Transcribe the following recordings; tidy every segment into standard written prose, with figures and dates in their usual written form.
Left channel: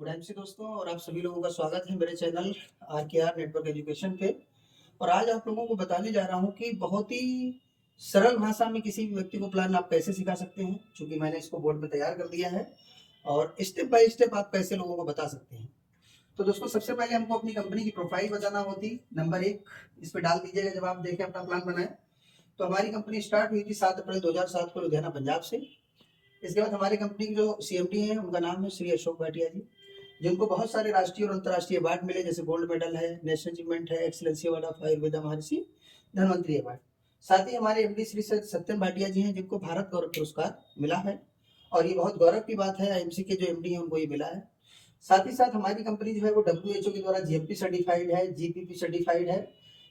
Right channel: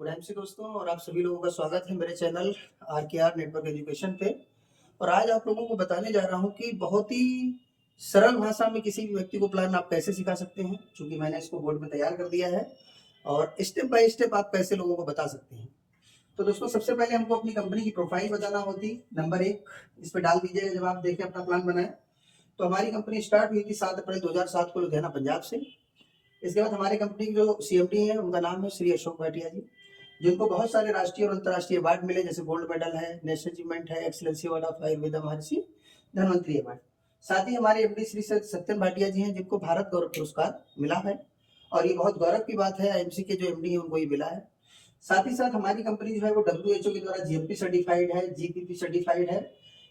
Good MC दोस्तों, और आप सभी लोगों का स्वागत है मेरे चैनल आर नेटवर्क एजुकेशन पे। और आज आप लोगों को बताने जा रहा हूँ कि बहुत ही सरल भाषा में किसी भी व्यक्ति को प्लान आप कैसे सिखा सकते हैं, क्योंकि मैंने इसको बोर्ड में तैयार कर दिया है और स्टेप बाय स्टेप आप कैसे लोगों को बता सकते हैं। तो दोस्तों, सबसे पहले हमको अपनी कंपनी की प्रोफाइल बताना होती। नंबर 1 इस पे डाल दीजिएगा जब आप देखें अपना प्लान बनाए। तो हमारी कंपनी स्टार्ट हुई थी 7 अप्रैल 2007 को लुधियाना पंजाब से। इसके बाद हमारी कंपनी के जो सीएमडी हैं उनका नाम है श्री अशोक भाटिया जी, जिनको बहुत सारे राष्ट्रीय और अंतर्राष्ट्रीय अवार्ड मिले, जैसे गोल्ड मेडल है, नेशनल अचीवमेंट है, excellency award of Ayurveda Maharshi Dhanvantari award. साथ ही हमारे एमडी श्री सत्यन भाटिया जी हैं, जिनको भारत गौरव पुरस्कार मिला है, और ये बहुत गौरव की बात है, आईएमसी के जो एमडी हैं उनको ये मिला है। साथ ही साथ हमारी कंपनी जो है वो WHO के द्वारा जीएमपी सर्टिफाइड है, जीपीपी सर्टिफाइड है।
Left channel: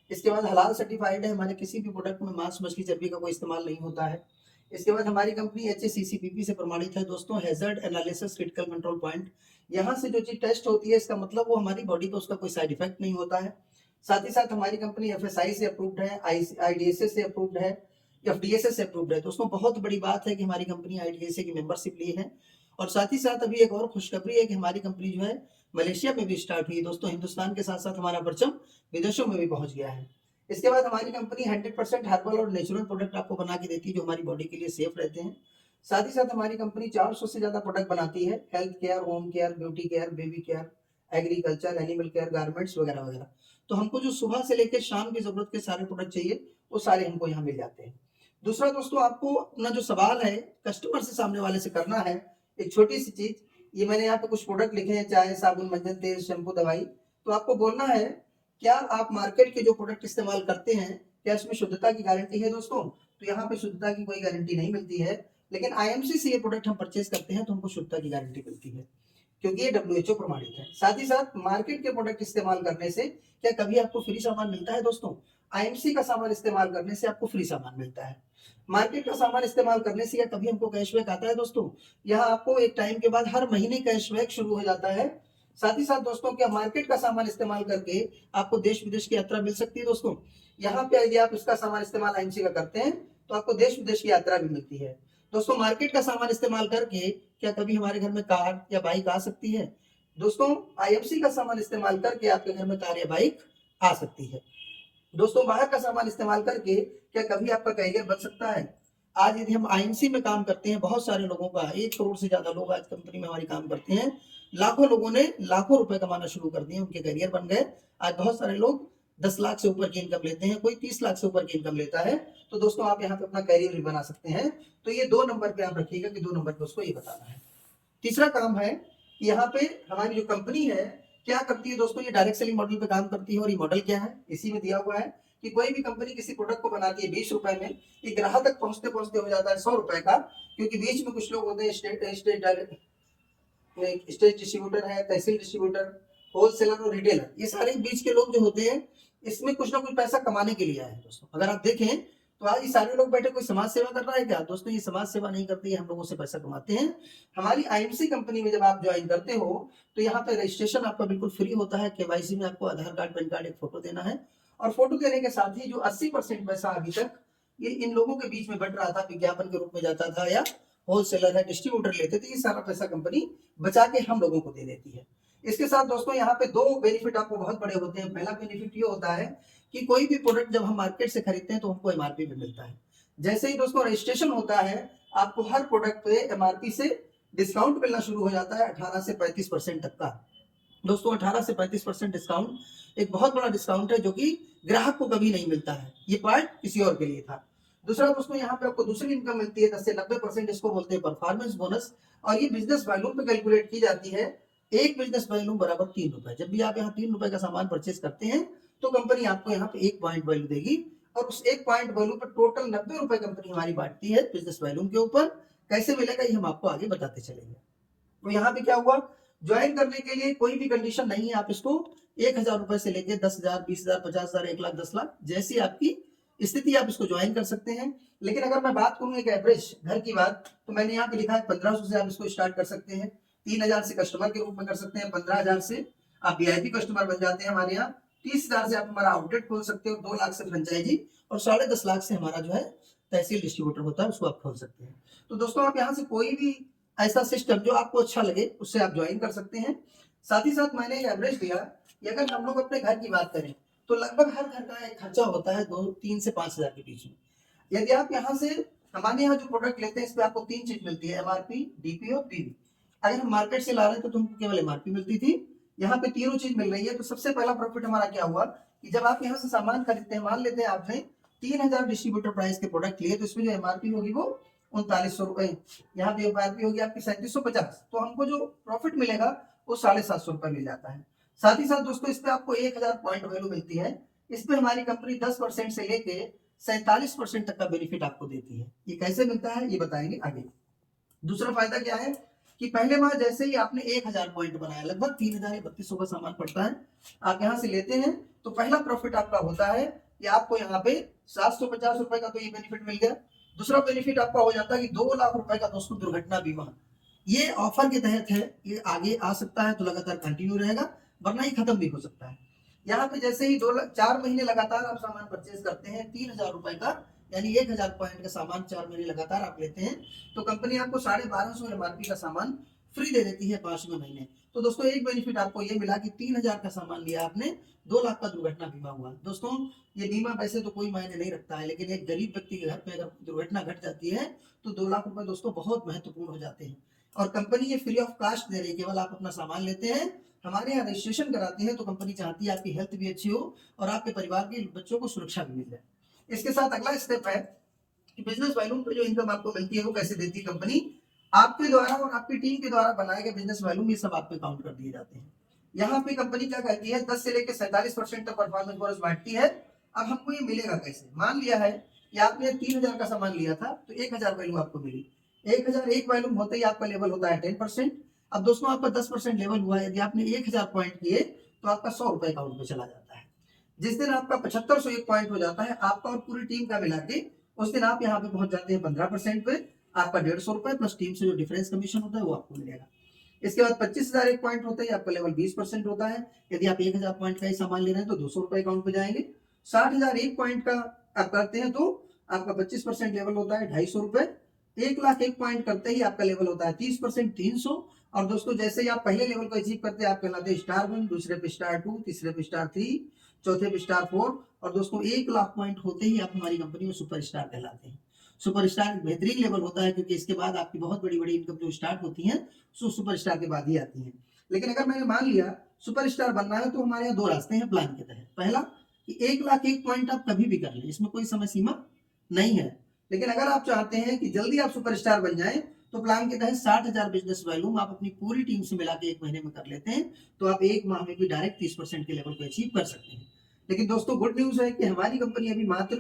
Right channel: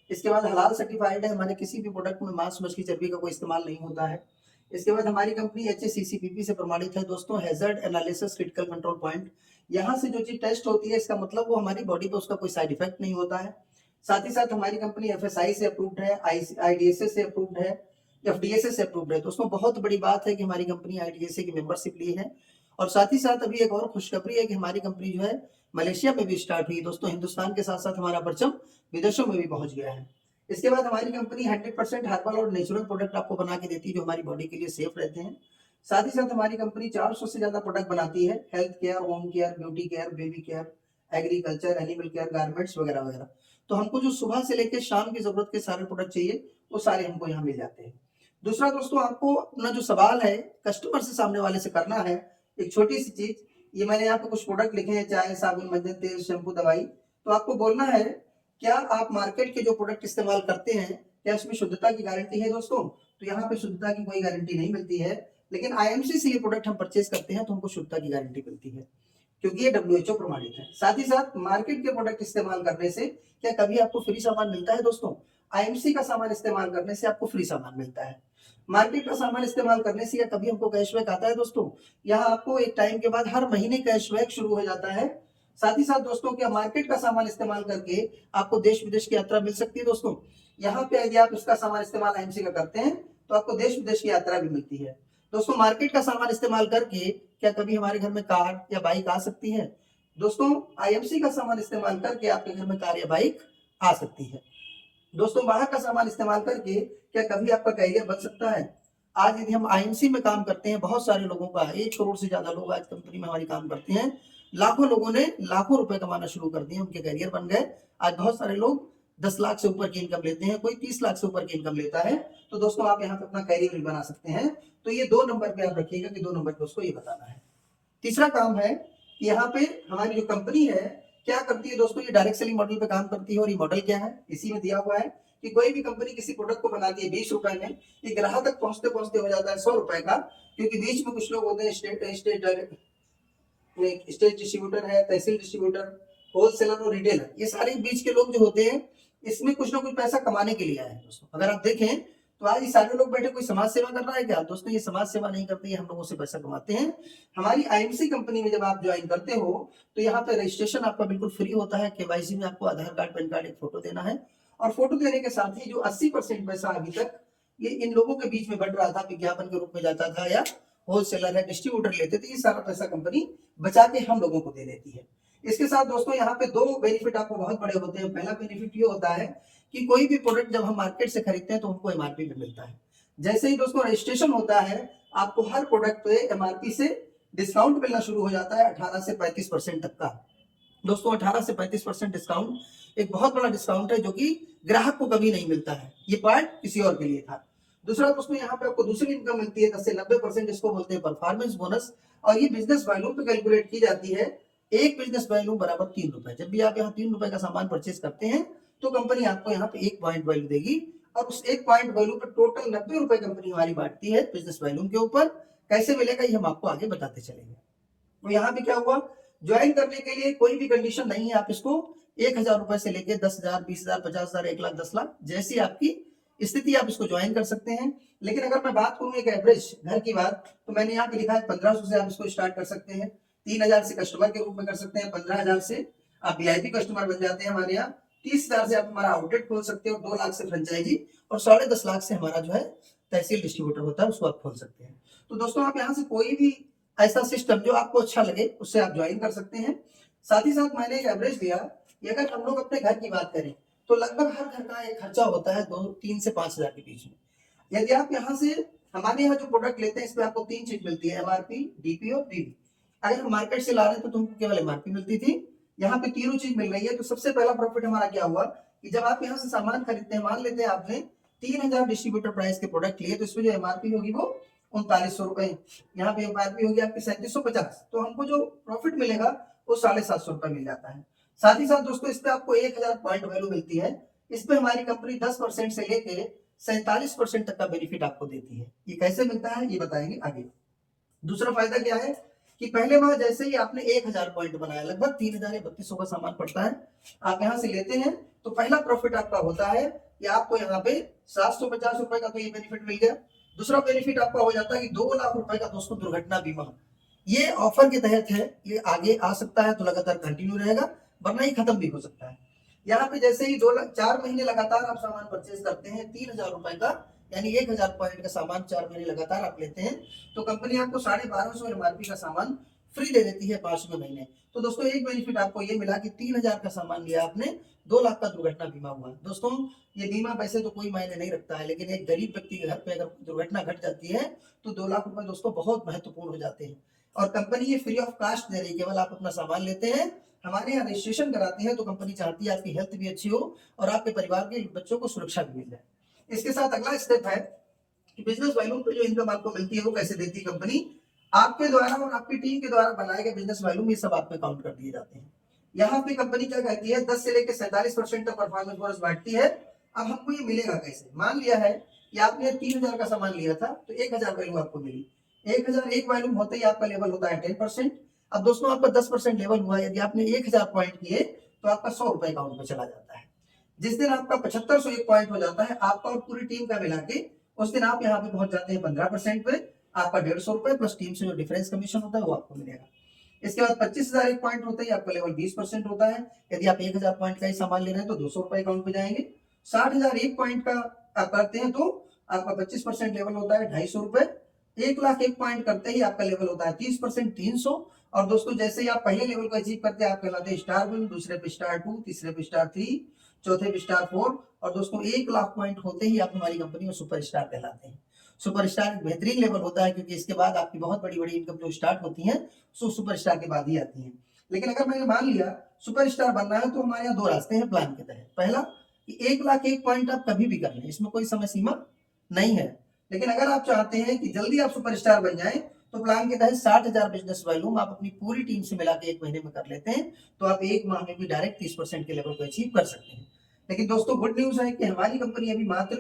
इसके बाद हलाल सर्टिफाइड है, हमारे किसी भी प्रोडक्ट में मांस मछली चर्बी का कोई इस्तेमाल नहीं होता है। इसके बाद हमारी कंपनी HACCP से प्रमाणित है दोस्तों, hazard analysis critical control point. यहाँ से जो चीज टेस्ट होती है इसका मतलब वो हमारी बॉडी पे उसका कोई साइड इफेक्ट नहीं होता है। साथ ही साथ हमारी कंपनी FSI से अप्रूव्ड है, IDSA से अप्रूव्ड है, FDSA से अप्रूव्ड है। दोस्तों, बहुत बड़ी बात है कि हमारी कंपनी IDSA की मेंबरशिप ली है। और साथ ही साथ अभी एक और खुशखबरी है कि हमारी कंपनी जो है मलेशिया में भी स्टार्ट हुई दोस्तों। हिंदुस्तान के साथ साथ हमारा परचम विदेशों में भी पहुंच गया है। इसके बाद हमारी कंपनी 100% हर्बल और नेचुरल प्रोडक्ट आपको बना के देती है, जो हमारी बॉडी के लिए सेफ रहते हैं। साथ ही साथ हमारी कंपनी 400 से ज्यादा प्रोडक्ट बनाती है, health care, home care, beauty care, baby care, agriculture, animal care, garments वगैरह वगैरह। तो हमको जो सुबह से लेकर शाम की जरूरत के सारे प्रोडक्ट चाहिए वो सारे हमको यहाँ मिल जाते हैं। दूसरा दोस्तों, आपको अपना जो सवाल है कस्टमर से, सामने वाले से करना है। एक छोटी सी चीज, ये मैंने यहाँ पे कुछ प्रोडक्ट लिखे हैं, चाय, साबुन, मंजन तेल, शैम्पू, दवाई। तो आपको बोलना है, क्या आप मार्केट के जो प्रोडक्ट इस्तेमाल करते हैं क्या इसमें शुद्धता की गारंटी है दोस्तों? तो यहाँ पे शुद्धता की कोई गारंटी नहीं मिलती है, लेकिन आईएमसी से ये प्रोडक्ट हम परचेज करते हैं तो हमको शुद्धता की गारंटी मिलती है, क्योंकि ये WHO प्रमाणित है। साथ ही साथ मार्केट के प्रोडक्ट इस्तेमाल करने से क्या कभी आपको फ्री सामान मिलता है दोस्तों? आईएमसी का सामान इस्तेमाल करने से आपको फ्री सामान मिलता है। मार्केट का सामान इस्तेमाल करने से या कभी हमको कैशबैक आता है दोस्तों? यहाँ आपको एक टाइम के बाद हर महीने कैशबैक शुरू हो जाता है। साथ ही साथ दोस्तों, क्या मार्केट का सामान इस्तेमाल करके आपको देश विदेश की यात्रा मिल सकती है दोस्तों? यहाँ पे यदि आप उसका सामान इस्तेमाल आईएमसी का करते हैं तो आपको देश विदेश की यात्रा भी मिलती है। दोस्तों, मार्केट का सामान इस्तेमाल करके क्या कभी हमारे घर में कार या बाइक आ सकती है? दोस्तों, आईएमसी का सामान इस्तेमाल करके आपके घर में कार या बाइक आ सकती है। दोस्तों, बाहर का सामान इस्तेमाल करके क्या कभी आपका कैरियर बन सकता है? आज यदि हम आईएमसी में काम करते हैं, बहुत सारे लोगों का 1 करोड़ से ज्यादा लोग आज कंपनी में हमारी काम करते हैं। लाखों लोगों ने लाखों रुपए कमाना शुरू कर दिए, उनके कैरियर बन गए। आज बहुत सारे लोग 10 लाख से ऊपर की इनकम लेते हैं, कोई 30 लाख से ऊपर की इनकम लेता है। तो दोस्तों, आप यहाँ पे अपना कैरियर भी बना सकते हैं। तो ये 2 नंबर पे आप रखिएगा कि 2 नंबर पे उसको ये बताना है। तीसरा काम है, यहाँ पे हमारी जो कंपनी है क्या करती है दोस्तों, ये डायरेक्ट सेलिंग मॉडल पे काम करती है। और ये मॉडल क्या है, इसी में दिया हुआ है कि कोई भी कंपनी किसी प्रोडक्ट को बनाती है 20 रुपए में, ये ग्राहक तक पहुंचते पहुंचते हो जाता है 100 रुपए का, क्योंकि बीच में कुछ लोग होते हैं स्टेट डिस्ट्रीब्यूटर है, तहसील डिस्ट्रीब्यूटर, होलसेलर और रिटेलर। ये सारे बीच के लोग जो होते हैं, इसमें कुछ ना कुछ पैसा कमाने के लिए आए हैं दोस्तों। अगर आप देखें तो आज ये सारे लोग बैठे कोई समाज सेवा कर रहा है क्या दोस्तों? ये समाज सेवा नहीं करते, हम लोगों से पैसा कमाते हैं। हमारी आईएमसी कंपनी में जब आप ज्वाइन करते हो तो यहाँ पे रजिस्ट्रेशन आपका बिल्कुल फ्री होता है। केवाईसी में आपको आधार कार्ड, पैन कार्ड, एक फोटो देना है। और फोटो देने के साथ ही जो 80% पैसा अभी तक ये इन लोगों के बीच में बट रहा था, विज्ञापन के रूप में जाता था या होलसेलर है, डिस्ट्रीब्यूटर लेते थे, ये सारा पैसा कंपनी बचा के हम लोगों को दे देती है। इसके साथ दोस्तों, यहाँ पे 2 बेनिफिट आपको बहुत बड़े होते हैं। पहला बेनिफिट ये होता है कि कोई भी प्रोडक्ट जब हम मार्केट से खरीदते हैं तो हमको एमआरपी पे मिलता है। जैसे ही दोस्तों रजिस्ट्रेशन होता है, आपको हर प्रोडक्ट पे एमआरपी से डिस्काउंट मिलना शुरू हो जाता है 18 से 35% तक का। दोस्तों, 18 से 35% डिस्काउंट एक बहुत बड़ा डिस्काउंट है, जो कि ग्राहक को कभी नहीं मिलता है। ये पार्ट किसी और के लिए था। दूसरा दोस्तों, यहाँ पे आपको दूसरी इनकम मिलती है 10 से 90%, इसको बोलते हैं परफॉर्मेंस बोनस। और ये बिजनेस वैल्यू पे कैलकुलेट की जाती है। एक बिजनेस वैल्यू बराबर 3 रुपए। जब भी आप यहाँ 3 रुपए का सामान परचेज करते हैं तो कंपनी आपको यहाँ पे 1 पॉइंट वैल्यू देगी, और उस 1 पॉइंट वैल्यू पर टोटल 90 रुपए कंपनी हमारी बांटती है बिजनेस वैल्यू के ऊपर। कैसे मिलेगा ये हम आपको आगे बताते चलेंगे। तो यहाँ पे क्या हुआ, ज्वाइन करने के लिए कोई भी कंडीशन नहीं है। आप इसको 1000 रुपए से लेके 10,000, 20,000, 50,000, 1 लाख, 10 लाख, जैसी आपकी स्थिति आप इसको ज्वाइन कर सकते हैं। लेकिन अगर मैं बात करूं एक एवरेज घर की बात, तो मैंने यहाँ पे लिखा है 1500 से आप इसको स्टार्ट कर सकते हैं। 3000 से कस्टमर के रूप में कर सकते हैं। 15,000 से आप वीआईपी कस्टमर बन जाते हैं हमारे यहाँ। 30,000 से आप हमारा आउटलेट खोल सकते हो। 2 लाख से फ्रेंचाइजी, और 10.5 लाख से हमारा जो है तहसील डिस्ट्रीब्यूटर होता है, उसको आप खोल सकते हैं। तो दोस्तों, आप यहाँ से कोई भी ऐसा सिस्टम जो आपको अच्छा लगे उससे आप ज्वाइन कर सकते हैं। साथ ही साथ मैंने एक एवरेज लिया कि अगर हम लोग अपने घर की बात करें तो लगभग हर घर का एक खर्चा होता है 2 3 से 5 हज़ार के बीच में। यदि आप यहाँ से हमारे यहाँ जो प्रोडक्ट लेते हैं इसमें आपको 3 चीज मिलती है, एमआरपी, डीपी और पीवी। अगर हम मार्केट से ला रहे थे तो हमको केवल एमआरपी मिलती थी, यहाँ पे तीनों चीज मिल रही है। तो सबसे पहला प्रॉफिट हमारा क्या हुआ कि जब आप यहाँ से सामान खरीदते हैं, मान लेते हैं आपने 3,000 डिस्ट्रीब्यूटर प्राइस के प्रोडक्ट लिए, तो इसमें जो एमआरपी होगी वो 3900 रुपए, यहाँ पे एमआरपी होगी आपकी 3750, तो हमको जो प्रॉफिट मिलेगा वो 750 रुपए मिल जाता है। साथ ही साथ दोस्तों इस पे आपको 1000 पॉइंट वैल्यू मिलती है। इस पे हमारी कंपनी 10% से लेके 47% तक का बेनिफिट आपको देती है। ये कैसे मिलता है ये बताएंगे आगे। दूसरा फायदा क्या है कि पहले माह जैसे ही आपने 1000 पॉइंट बनाया, लगभग 3000 या 3200 का सामान पड़ता है, आप यहाँ से लेते हैं तो पहला प्रॉफिट आपका होता है कि आपको यहाँ पे 750 रुपए का तो ये बेनिफिट मिल गया। दूसरा बेनिफिट आपका हो जाता है कि 2 लाख रुपए का दोस्तों दुर्घटना बीमा। ये ऑफर के तहत है, ये आगे आ सकता है तो लगातार कंटिन्यू रहेगा, वरना ये खत्म भी हो सकता है। यहाँ पे जैसे ही 4 महीने लगातार आप सामान परचेज करते हैं 3000 रुपए का, यानी 1000 पॉइंट का सामान 4 महीने लगातार आप लेते हैं, तो कंपनी आपको 1250 एमआरपी का सामान फ्री दे देती है 5वें महीने। तो दोस्तों एक बेनिफिट आपको ये मिला कि 3000 का सामान लिया आपने, 2 लाख का दुर्घटना बीमा हुआ। दोस्तों ये बीमा वैसे तो कोई मायने नहीं रखता है, लेकिन एक गरीब व्यक्ति के घर पे अगर दुर्घटना घट जाती है तो 2 लाख रुपए दोस्तों बहुत महत्वपूर्ण हो जाते हैं। और कंपनी ये फ्री ऑफ कास्ट दे रही है, केवल आप अपना सामान लेते हैं, हमारे यहाँ रजिस्ट्रेशन कराते हैं, तो कंपनी चाहती है आपकी हेल्थ भी अच्छी हो और आपके परिवार के बच्चों को सुरक्षा भी मिल जाए। इसके साथ अगला स्टेप है कि बिजनेस वॉल्यूम पे जो इनकम आपको मिलती है वो कैसे देती है कंपनी, आपके द्वारा और आपकी टीम के द्वारा बनाए गए बिजनेस वॉल्यूम ये सब आप पे काउंट कर दिए जाते हैं। यहाँ पे कंपनी क्या कहती है 10 से लेकर 47% तक परफॉर्मेंस बोनस बांटती है। अब हमको ये मिलेगा कैसे, मान लिया है कि आपने 3000 का सामान लिया था तो 1000 वैल्यू आपको मिली, 1000 एक वैल्यूम होते ही आपका लेवल होता है 10%। अब दोस्तों आपका 10% लेवल हुआ, यदि आपने 1000 पॉइंट किए तो आपका 100 रुपए अकाउंट में चला जाता है। जिस दिन आपका 7501 पॉइंट हो जाता है आपका और पूरी टीम का मिला के, उस दिन आप यहाँ पे पहुंच जाते हैं 15% पे, आपका 150 रुपए प्लस टीम से जो डिफरेंस कमीशन होता है वो आपको मिलेगा। इसके बाद 25,000 एक पॉइंट होते ही आपका लेवल 20% होता है। यदि आप 1000 पॉइंट का ही सामान ले रहे हैं तो 200 रुपए अकाउंट में जाएंगे। 60,000 एक पॉइंट का आप करते हैं तो आपका 25% लेवल होता है 250 रुपए। 1 लाख एक पॉइंट करते ही आपका लेवल होता है 30% 300। और दोस्तों जैसे ही आप पहले लेवल को अचीव करते हैं आप कहलाते हैं स्टार 1, दूसरे पे स्टार 2, तीसरे पे स्टार 3, चौथे पे स्टार 4, और दोस्तों 1 लाख पॉइंट होते ही आप हमारी कंपनी में सुपर स्टार कहलाते हैं। सुपर स्टार एक बेहतरीन लेवल होता है क्योंकि इसके बाद आपकी बहुत बड़ी बड़ी इनकम जो स्टार्ट होती है सो सुपर स्टार के बाद ही आती है। लेकिन अगर मैंने मान लिया सुपर स्टार बनना है तो हमारे यहाँ 2 रास्ते हैं प्लान के तहत। पहला कि 1 लाख एक पॉइंट आप कभी भी कर लें, इसमें कोई समय सीमा नहीं है। लेकिन अगर आप चाहते हैं कि जल्दी आप सुपर स्टार बन जाए तो प्लान के तहत 60,000 बिजनेस वॉल्यूम आप अपनी पूरी टीम से मिला के 1 महीने में कर लेते हैं, तो आप 1 माह में भी डायरेक्ट 30% के लेवल को अचीव कर सकते हैं। लेकिन दोस्तों गुड न्यूज है कि हमारी कंपनी अभी मात्र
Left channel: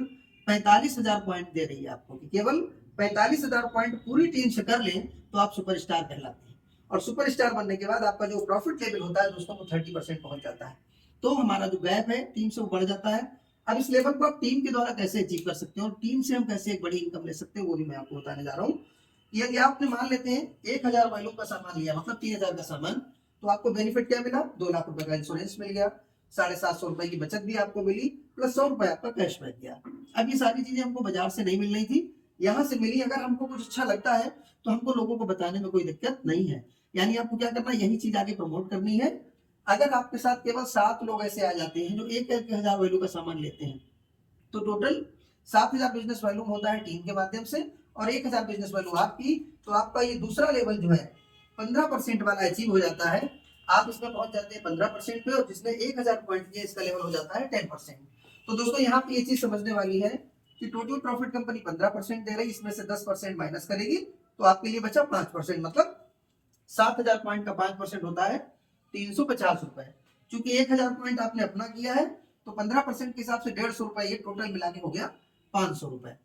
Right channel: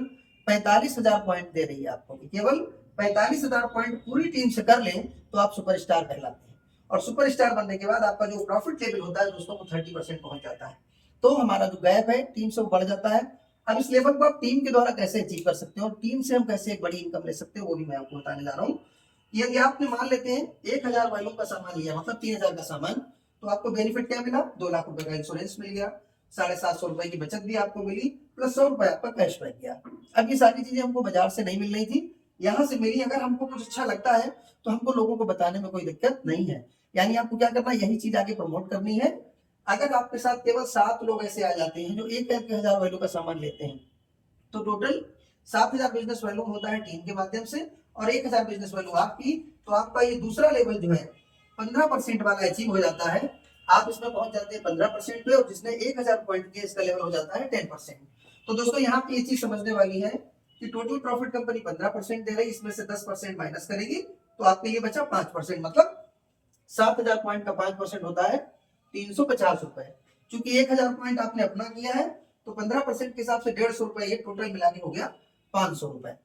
45,000 पॉइंट दे रही है आपको, कि केवल 45,000 पॉइंट पूरी टीम से कर लें तो आप सुपर स्टार कहलाते हैं। और सुपर स्टार बनने के बाद आपका जो प्रॉफिट लेवल होता है दोस्तों वो 30% पहुंच जाता है। तो हमारा जो गैप है टीम से वो बढ़ जाता है। अब इस लेवल को आप टीम के द्वारा कैसे अचीव कर सकते हैं और टीम से हम कैसे एक बड़ी इनकम ले सकते हैं वो भी मैं आपको बताने जा रहा हूँ। यदि आपने मान लेते हैं 1000 वैल्यूम का सामान लिया, मतलब 3000 का सामान, तो आपको बेनिफिट क्या मिला, 2 लाख रुपए का इंश्योरेंस मिल गया, 750 रुपए की बचत भी आपको मिली, प्लस 100 रुपए आपका कैशबैक गया। अब ये सारी चीजें हमको बाजार से नहीं मिल रही थी, यहाँ से मिली। अगर हमको कुछ अच्छा लगता है तो हमको लोगों को बताने में कोई दिक्कत नहीं है। यानी आपको क्या करना है, यही चीज आगे प्रमोट करनी है। अगर आपके साथ केवल 7 लोग ऐसे आ जाते हैं जो एक 1000 वैल्यू का सामान लेते हैं, तो टोटल 7000 बिजनेस वैल्यू होता है टीम के माध्यम से और 1000 बिजनेस वैल्यू आपकी, तो आपका ये दूसरा लेवल जो है 15% वाला अचीव हो जाता है। आप इसमें पहुंच जाते हैं 15% पे, और जिसने 1000 पॉइंट किए इसका लेवल हो जाता है 10%। तो दोस्तों यहाँ पे ये चीज समझने वाली है कि टोटल प्रॉफिट कंपनी 15% दे रही, इसमें से 10% माइनस करेगी तो आपके लिए बचा 5%, मतलब 7000 पॉइंट का 5% होता है 350 रुपए। चूंकि 1000 पॉइंट आपने अपना किया है तो 15% के हिसाब से 150 रुपए, ये टोटल मिला के हो गया 500 रुपए।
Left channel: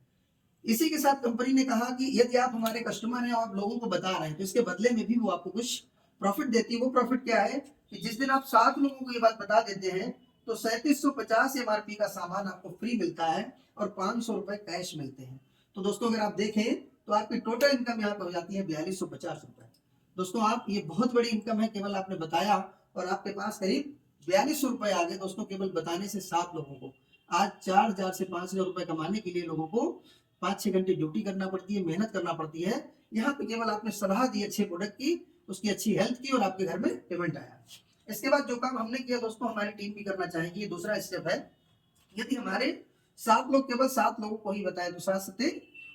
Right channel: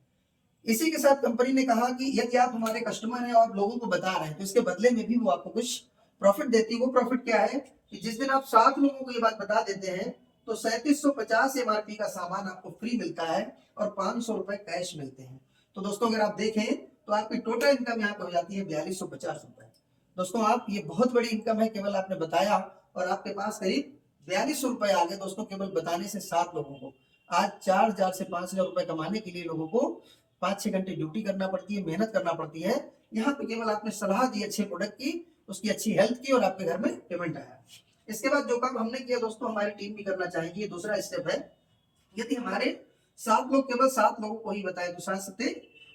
इसी के साथ कंपनी ने कहा कि यदि आप हमारे कस्टमर हैं और लोगों को बता रहे हैं तो इसके बदले में भी वो आपको कुछ प्रॉफिट देती है। वो प्रॉफिट क्या है कि जिस दिन आप 7 लोगों को ये बात बता देते हैं तो 3750 एमआरपी का सामान आपको फ्री मिलता है और 500 रुपए कैश मिलते हैं। तो दोस्तों अगर आप देखें तो आपकी टोटल इनकम यहाँ पर हो जाती है 4250 रुपए। दोस्तों आप ये बहुत बड़ी इनकम है, केवल आपने बताया और आपके पास करीब 4200 रुपए आ गए दोस्तों, केवल बताने से 7 लोगों को। आज 4000 से 5000 रुपए कमाने के लिए लोगों को 5-6 घंटे ड्यूटी करना पड़ती है, मेहनत करना पड़ती है। यहाँ पे केवल आपने सलाह दी अच्छे प्रोडक्ट की, उसकी अच्छी हेल्थ की और आपके घर में पेमेंट आया। इसके बाद जो काम हमने किया दोस्तों, हमारी टीम भी करना चाहेगी। ये दूसरा स्टेप है। यदि हमारे 7 लोग, केवल 7 लोगों को ही बताया तो 7 सत्ते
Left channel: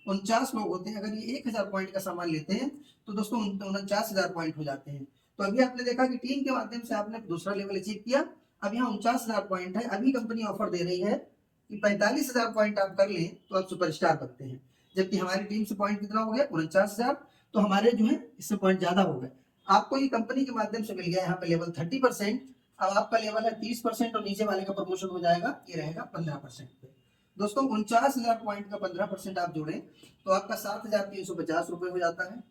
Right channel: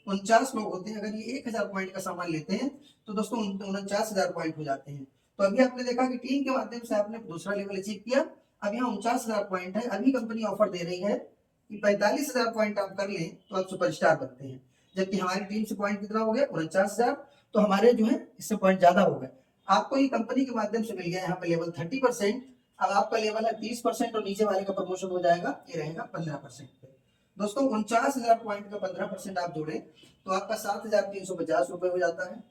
49 लोग होते हैं। अगर ये 1000 पॉइंट का सामान लेते हैं तो दोस्तों 49,000 पॉइंट हो जाते हैं। तो अभी आपने देखा कि टीम के माध्यम से आपने दूसरा लेवल अचीव किया। अब यहाँ 49,000 पॉइंट है। अभी कंपनी ऑफर दे रही है कि 45,000 पॉइंट आप कर लें तो आप सुपरस्टार बनते हैं। जबकि हमारी टीम से पॉइंट कितना हो गया? 49,000। तो हमारे जो है इससे पॉइंट ज्यादा हो गए। आपको ये कंपनी के माध्यम से मिल गया यहाँ पे लेवल 30%। अब आपका लेवल है 30% और नीचे वाले का प्रमोशन हो जाएगा, ये रहेगा 15% पे। दोस्तों 49,000 पॉइंट का 15% आप जोड़ें तो आपका 7,350 रुपए हो जाता है।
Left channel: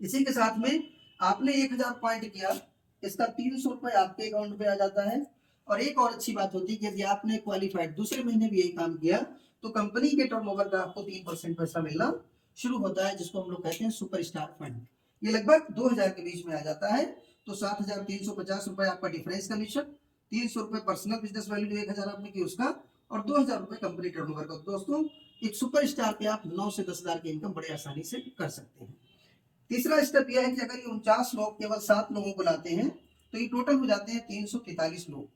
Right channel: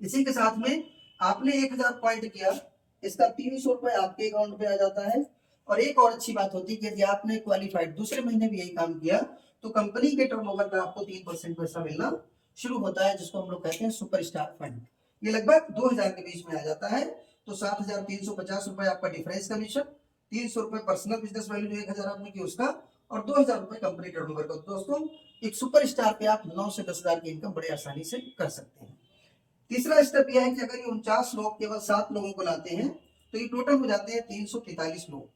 इसी के साथ में आपने 1,000 पॉइंट किया, इसका 300 रुपए आपके अकाउंट पे आ जाता है। और एक और अच्छी बात होती है कि यदि आपने क्वालिफाइड दूसरे महीने भी यही काम किया तो कंपनी के टर्नओवर का आपको 3% पैसा मिलना शुरू होता है, जिसको हम लोग कहते हैं सुपरस्टार फंड। ये लगभग 2,000 के बीच में आ जाता है। तो 7,350 रुपए आपका डिफरेंस कमीशन, 300 रुपए पर्सनल बिजनेस वैल्यू जो 1,000 आपने की उसका, और 2,000 रुपए कंपनी टर्नओवर का। दोस्तों एक सुपरस्टार पे आप 9 से 10,000 की इनकम बड़े आसानी से कर सकते हैं। तीसरा स्टेप यह है कि अगर ये 49 लोग केवल 7 लोगों को लाते हैं तो ये टोटल हो जाते हैं 343 लोग।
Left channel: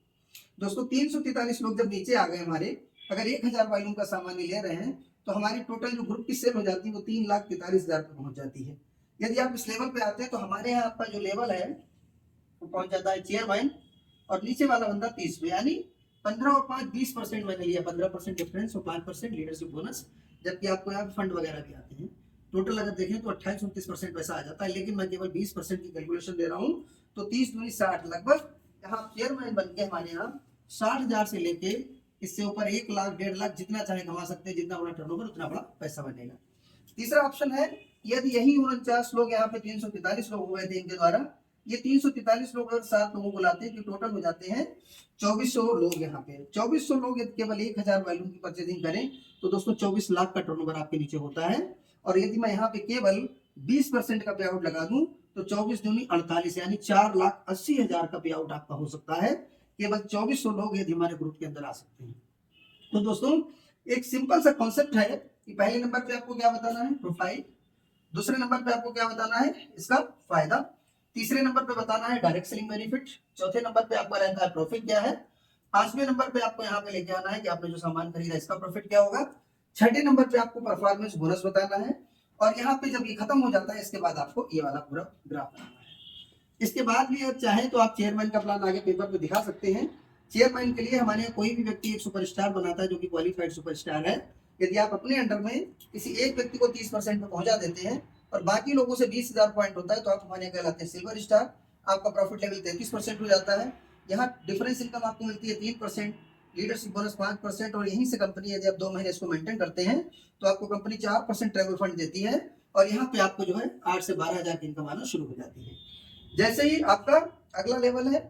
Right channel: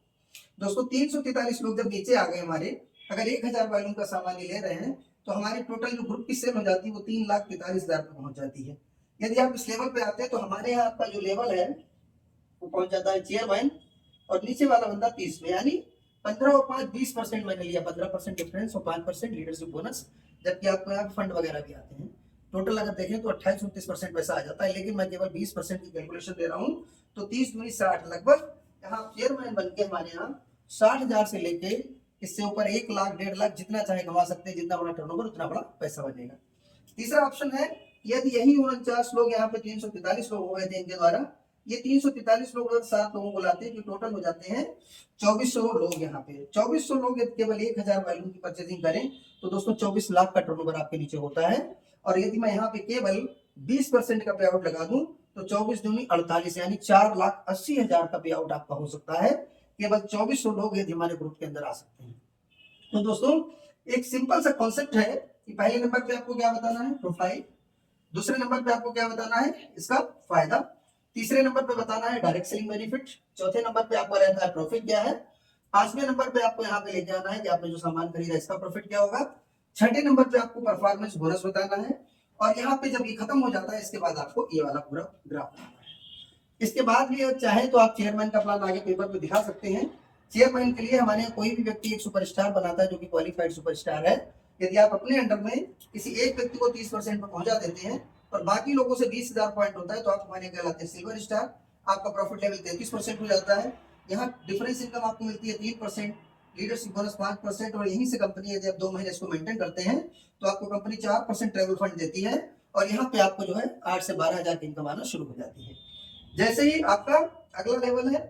दोस्तों 343 लोग जब नीचे आ गए हमारे, अगर 1,000 वॉल्यूम का सामान ले रहे हैं तो हमारी टोटल जो ग्रुप की सेल हो जाती है वो 3,43,000 पे पहुंच जाती है। यदि आप इस लेवल पे आते हैं तो हमारे यहाँ आपका जो लेवल है वो पहुंच जाता है चेयरमैन, और नीचे वाला बंदा 30 में, यानी 15 और 5 20% मैंने लिया, 15% डिफरेंस और 5% लीडरशिप बोनस। जबकि आपको यहाँ फंड वगैरह भी आते हैं। टोटल अगर देखें तो 28-29% पैसा आ जाता है, लेकिन मैं केवल 20% की कैलकुलेशन दे रहा हूँ। तो 30 दूनी 60, लगभग यहाँ चेयरमैन बन के हमारे यहाँ 60,000 से लेके इससे ऊपर 1 लाख 1.5 लाख जितना चाहे कमा सकते हैं। जितना बड़ा टर्नओवर उतना बड़ा पैसा बनेगा। तीसरा ऑप्शन है, यदि यही 49 लोग यहाँ पे 343 लोग हो गए थे इनके द्वारा, ये 343 लोग अगर 7 लोगों को लाते हैं जो टोटल हो जाते हैं 2400 लोग। यहाँ पे 2400 लोग यदि केवल 1,000 वैल्यूम की परचेजिंग करें तो दोस्तों 24 लाख का टर्नओवर आपके नीचे होता है। और यदि मैं यहाँ पे केवल 20% का पे आउट लगा दूं तो 24 दूनी 48, यानी 4,80,000 का पे आउट आपका हो सकता है। केवल 2400 लोग यदि हमारे ग्रुप के अंदर आ सकते हैं। तो दोस्तों एक सिंपल सा कॉन्सेप्ट है कि पहले नंबर पे आपको क्या बताना है? प्रोफाइल। दूसरे नंबर पे आपको क्या बताना है? इसका फायदा। तीसरे नंबर पे बताना है डायरेक्ट सेलिंग बेनिफिट। चौथे नंबर पे आपका रहता है प्रॉफिट क्या है। पांचवें नंबर पे आपको यहाँ पे लेके आना है कि आपने जो सामान खरीदा इसका प्रॉफिट क्या होगा। छठे नंबर पे आपको परफॉर्मेंस बोनस बताना है। और यहाँ पे जब ये खत्म हो जाता है इसके बाद आपको ये वाला पूरा ग्राफ बनाना है। इसके बाद भी चाहे तो आप चेयरमैन का प्लान आगे पेपर पे दिखा सकते हैं। चेयरमैन के लिए हमारे यहाँ कोई भी व्यक्ति एक सुपरस्टार बनाता है जो कि क्वालिफाइड सुपरस्टार है। यदि आप अपने अंडर में किसी एक व्यक्ति को 30% पे पहुंचा देते हैं और बाकी लोगों से 20,000 पॉइंट होता है तो आप हमारे यहाँ कहलाते हैं सिल्वर स्टार। आपका प्रॉफिट लेवल 33% हो जाता है। यहाँ डिफरेंस इनकम आपको मिलती है 3%, लीडरशिप बोनस 5%, और यहीं से कंपनी यदि आप 2 महीने इसको मेंटेन करते हैं तो आपको कंपनी 4% ट्रेवल फंड देती है। और यहाँ पे आपको जो है 8 से 12,000 की इनकम आना शुरू हो जाती है। जैसे ही आपका अगला लेवल है,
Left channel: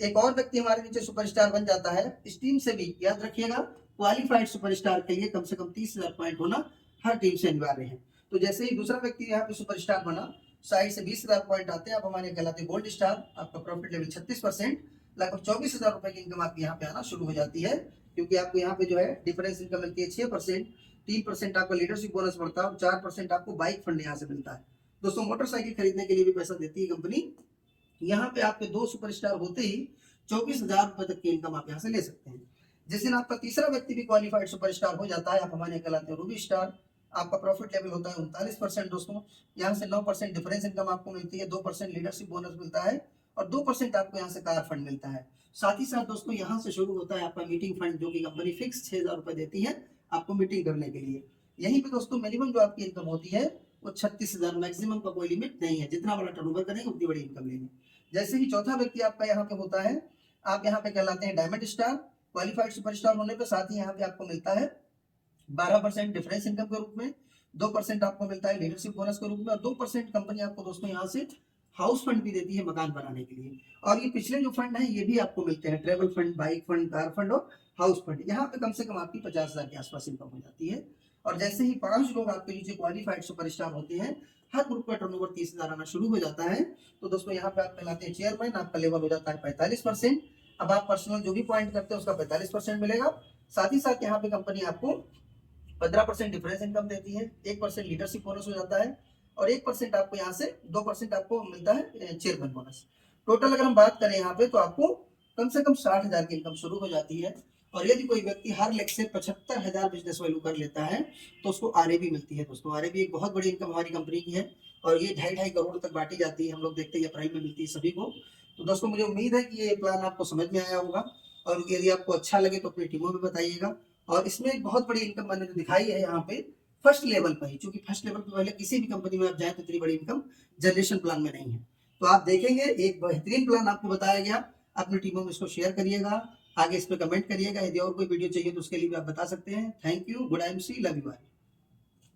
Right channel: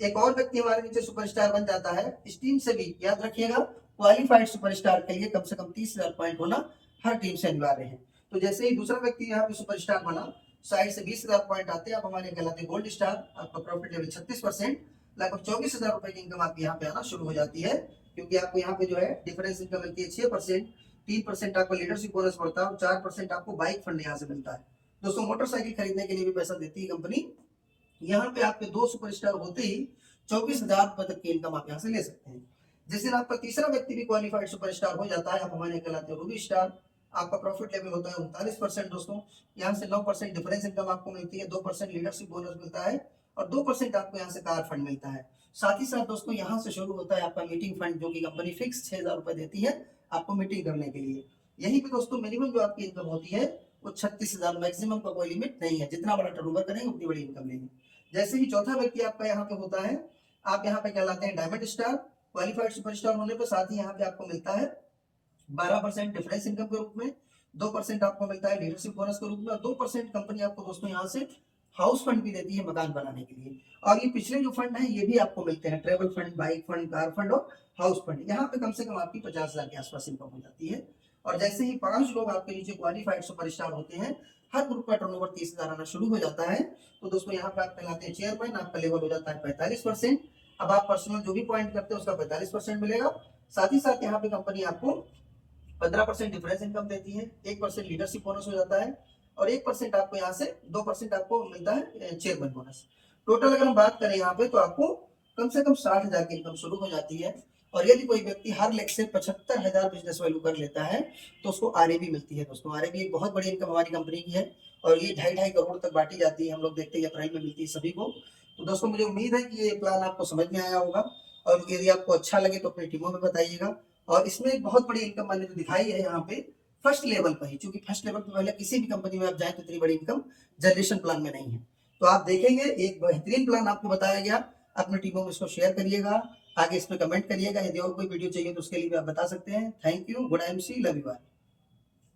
एक और व्यक्ति हमारे नीचे सुपरस्टार बन जाता है। इस टीम से भी याद रखिएगा, क्वालिफाइड सुपरस्टार के लिए कम से कम 30,000 पॉइंट होना हर टीम से अनिवार्य है। तो जैसे ही दूसरा व्यक्ति यहाँ पे सुपरस्टार बना, साइड से 20,000 पॉइंट आते हैं, आप हमारे कहलाते हैं गोल्ड स्टार। आपका प्रॉफिट लेवल 36%, लगभग 24,000 रुपए की इनकम आपकी यहाँ पे आना शुरू हो जाती है। क्योंकि आपको यहाँ पे जो है डिफरेंस इनकम मिलती है 6%, 3% आपको लीडरशिप बोनस बढ़ता है और 4% आपको बाइक फंड यहाँ से मिलता है। दोस्तों मोटरसाइकिल खरीदने के लिए भी पैसा देती है कंपनी। यहाँ पे आपके 2 सुपरस्टार होते ही 24,000 रुपए तक की इनकम आप यहाँ से ले सकते हैं। जिस दिन आपका तीसरा व्यक्ति भी क्वालिफाइड सुपरस्टार हो जाता है, आप हमारे कहलाते हैं रूबी स्टार। आपका प्रॉफिट लेवल होता है 39%। दोस्तों यहाँ से 9% डिफरेंस इनकम आपको मिलती है, 2% लीडरशिप बोनस मिलता है और 2% आपको यहाँ से कार फंड मिलता है। साथ ही साथ दोस्तों यहाँ से शुरू होता है आपका मीटिंग फंड, जो कि कंपनी फिक्स 6,000 रुपए देती है आपको मीटिंग करने के लिए। यहीं पे दोस्तों मिनिमम जो आपकी इनकम होती है वो 36,000, मैक्सिमम का कोई लिमिट नहीं है। जितना बड़ा टर्नओवर करेंगे उतनी बड़ी इनकम लेंगे। जैसे ही चौथा व्यक्ति आपका यहाँ पे होता है, आप यहाँ पे कहलाते हैं डायमंड स्टार। क्वालिफाइड सुपरस्टार होने पे साथ ही यहाँ पे आपको मिलता है 12% डिफरेंस इनकम के रूप में, 2% आपको मिलता है लीडरशिप बोनस के रूप में, और 2% कंपनी आपको दोस्तों यहाँ से हाउस फंड भी देती है मकान बनाने के लिए। और ये पिछले जो फंड है ये भी आपको मिलते हैं, travel fund, bike fund, car fund और हाउस फंड। यहाँ पे कम से कम आपकी 50,000 के आसपास इनकम हो जाती है। और जैसे ही 5 लोग आपके नीचे क्वालिफाइड सुपरस्टार होते हैं, हर ग्रुप का टर्नओवर 30,000 आना शुरू हो जाता है। तो दोस्तों यहाँ पे आप कहलाते हैं चेयरमैन। आपका लेवल हो जाता है 45%। अब आप पर्सनल जो भी पॉइंट करते हैं उसका 45% मिलेगा। साथ ही साथ यहाँ पे कंपनी आपको 15% डिफरेंस इनकम देती है, 1% लीडरशिप बोनस हो जाता है और 1% आपको यहाँ से 2% आपको मिलता है चेयरमैन बोनस। टोटल अगर हम बात करें यहाँ पे तो आपको कम से कम 60,000 की इनकम शुरू हो जाती है। और यदि कोई व्यक्ति हर लेग से 75,000 बिजनेस वैल्यू कर लेता है तो उसको आरएबी मिलती है। दोस्तों आरएबी एक बहुत बड़ी इनकम हमारी कंपनी की है और ये 2.5 करोड़ तक बांटी जाती है। हम लोग देखते हैं अप्रैल में मिलती है सभी को। तो दोस्तों मुझे उम्मीद है कि ये प्लान आपको समझ में आया होगा और यदि आपको अच्छा लगे तो अपनी टीमों में बताइएगा। और इसमें एक बहुत बड़ी इनकम मैंने जो दिखाई है यहाँ पे फर्स्ट लेवल पर ही, क्योंकि फर्स्ट लेवल पर पहले किसी भी कंपनी में आप जाए तो इतनी बड़ी इनकम जनरेशन प्लान में नहीं है। तो आप देखेंगे एक बेहतरीन प्लान आपको बताया गया, अपनी टीमों में इसको शेयर करिएगा, आगे इस पर कमेंट करिएगा। यदि और कोई वीडियो चाहिए तो उसके लिए भी आप बता सकते हैं। Thank you, good MC, love you.